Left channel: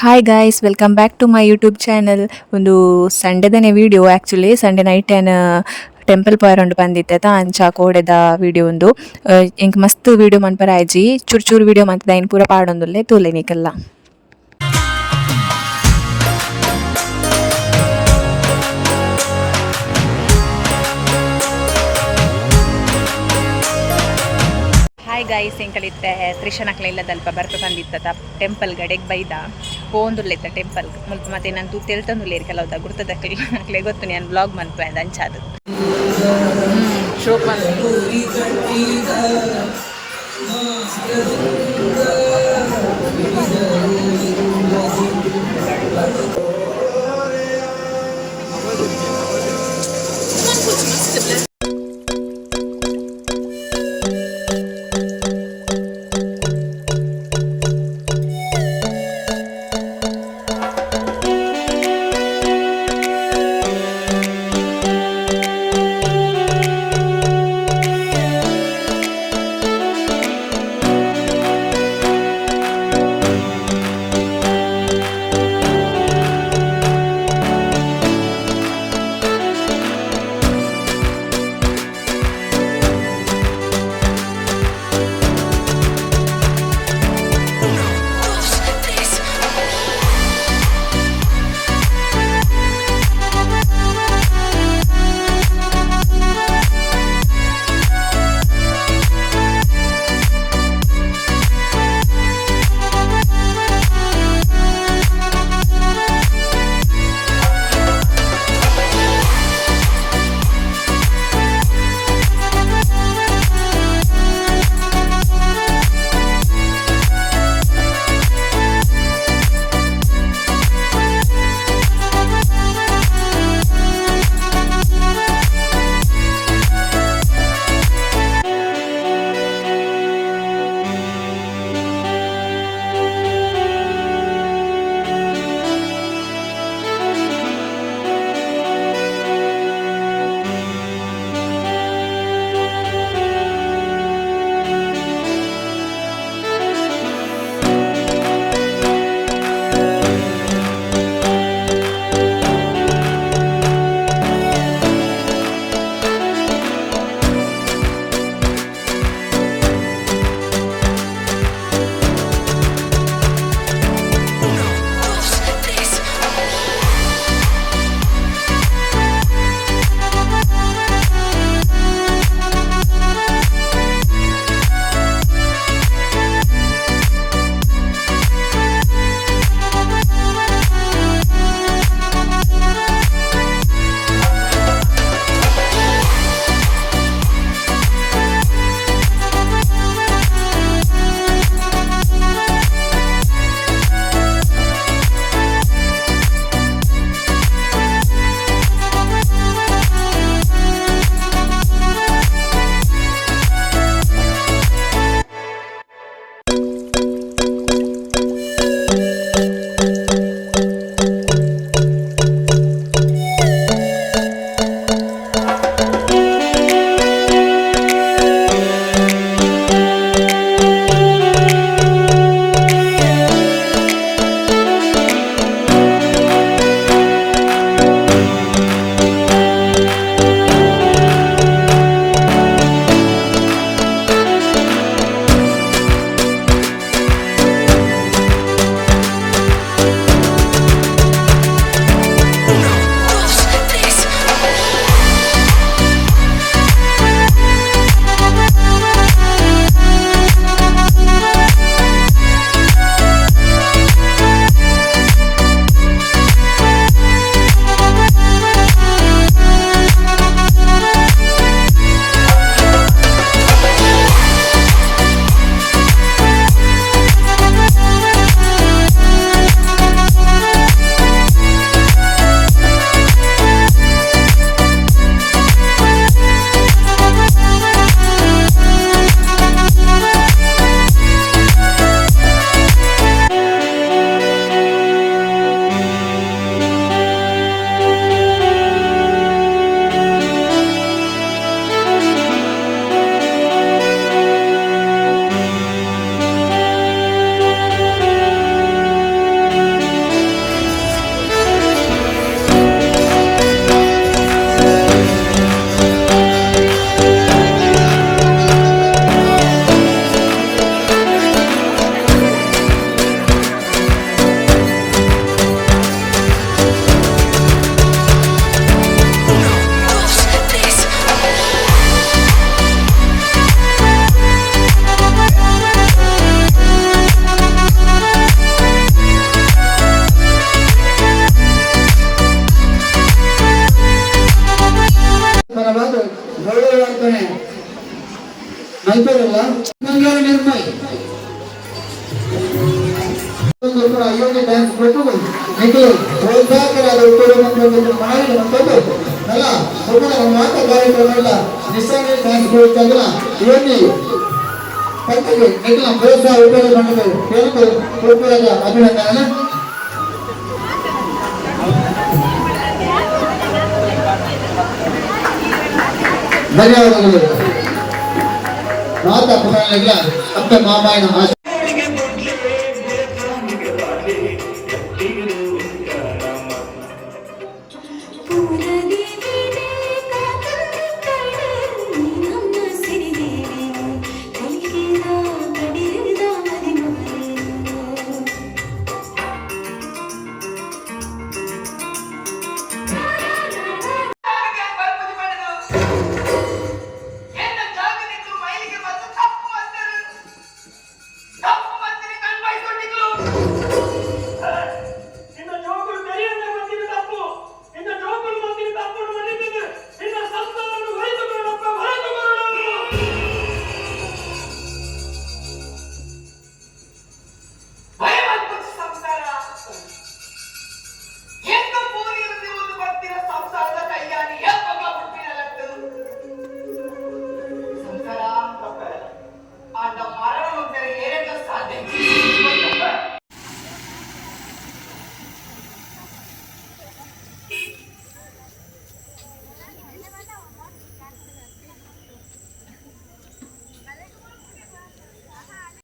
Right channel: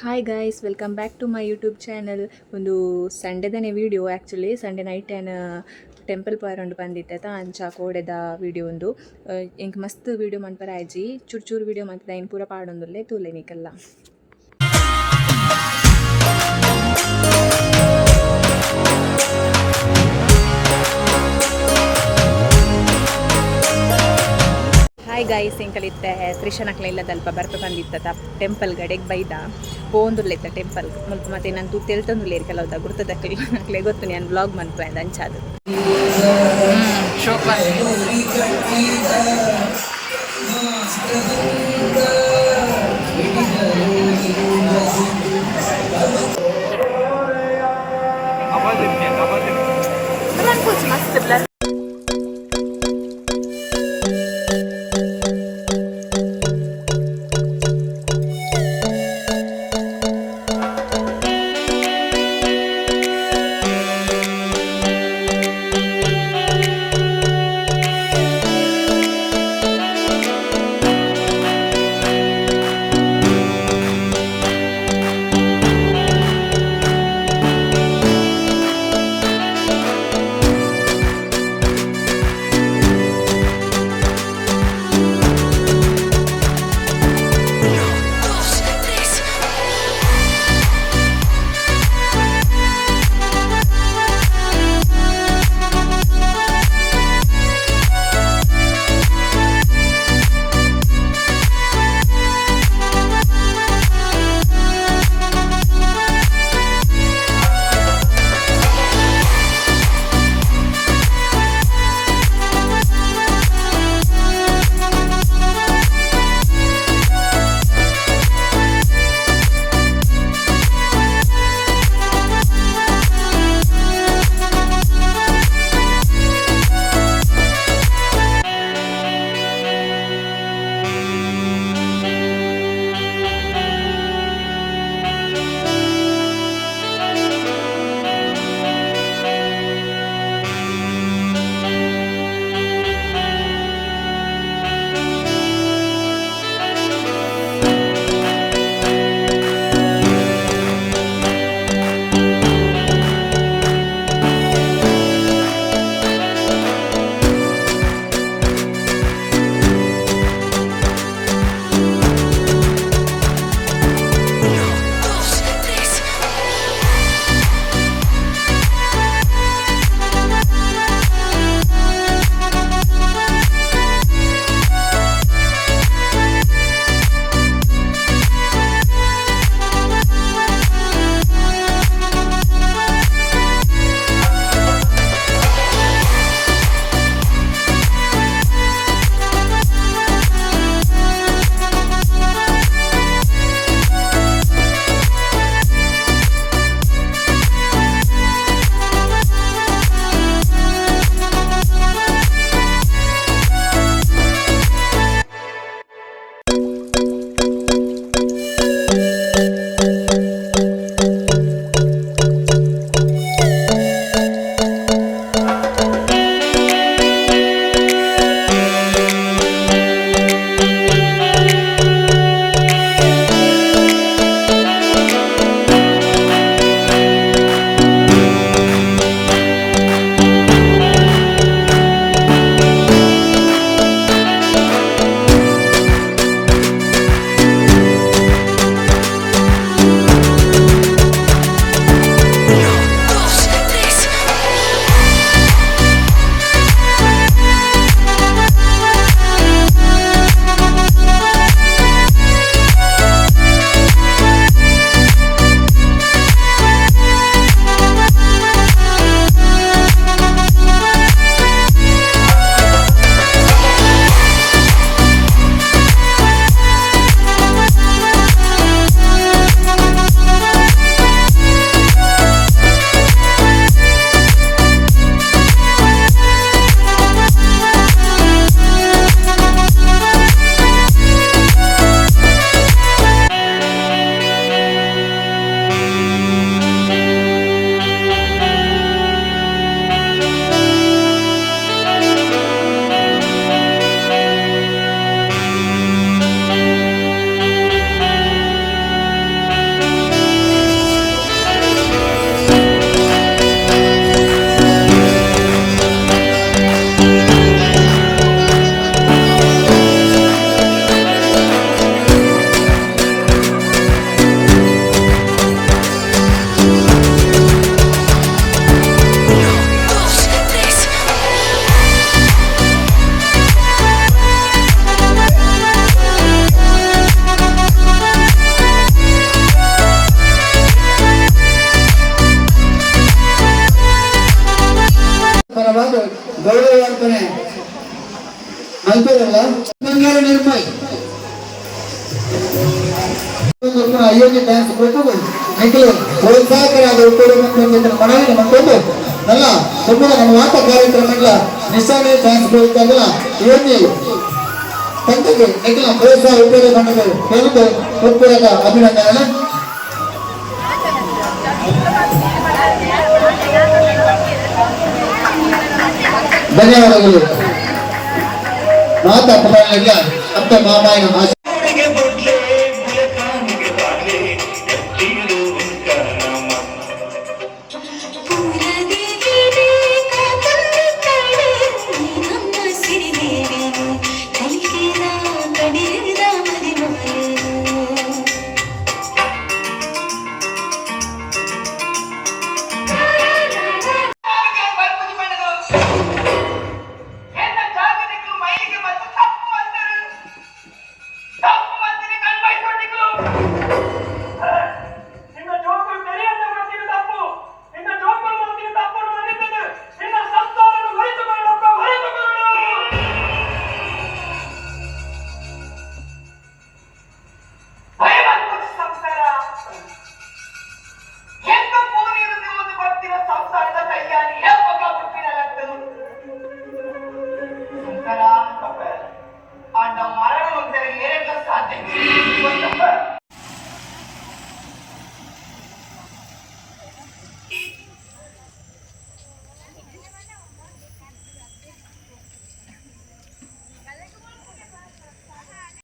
Hi guys welcome back to my YouTube channel. ಒಂದು ಸಂಡೆದನೇ video actually Sunday night ಏನು temple ಪಾಯರೊಂಡು ಬಂದಿತ್ತೆ ಅಂಚ ಕೋಡೆದ ವಿಡಿಯೋ ಒಂದು ಇಂಕ್ ಮಸ್ತ್ ವಿಡಿಯೋ ಮನ್ಪರ ಆಯ್ಜಿ ಚೂರು ಚೂರು ವಿಡಿಯೋ ಮಂತದ ಇನ್ನು ಪೂರ ಪಾಡೊಂದುಲ್ಲೆ ತೂಲೆನಿಕಲ್ಲ. ಹಾಯ್ ಗಾಯ್ಸ್ ಎಂಕಲಿತ್ತೆ ತ್ರಿಶನಕ್ಲ ಇಲ್ಲದಲ್ಪ ಬರ್ಪೆ ಬಂದಿತ್ತ ಟೆಂಪಲ್ ಗಡೆಗೆ ಬೈದ ಪೋಂದುಲ್ಲೆತ್ತ ಟೆಂಪಲ್ ಮುಲ್ಪ ಮತ್ತೆ ನಾನು ತೂ ತೆಲ್ತಂದುಲ್ಲೇರಿ ಕೆಲವ್ದ ಗುರ್ತದಕ್ಲೆ ಗೊತ್ತು ನಾನು ಬ್ಲಾಗ್ ಮನ್ಪೆ ಅಂಚಾದು ಶೋಪಾ ಮಸ್ತ್ ಚಾನ್ಸ್ ಕೊಟ್ಟು మీకు ప్రోత్సాహకరాలు ఉపయోగపడుతున్న మనల్ని మనకు అలా సుమన మాట కార్యక్రమంలో నిశ్చయంగా ఛాన్స్ కొడుతుందా ఇవన్నీ కంటికి ఎట్లా ప్రోత్సాహ ఉపయోగపడుతుంది తెలుగు పూర్తిగా అభినందనలు ధన్యవాదాలు. మాత పిల్లలకి అత్త మామాయిన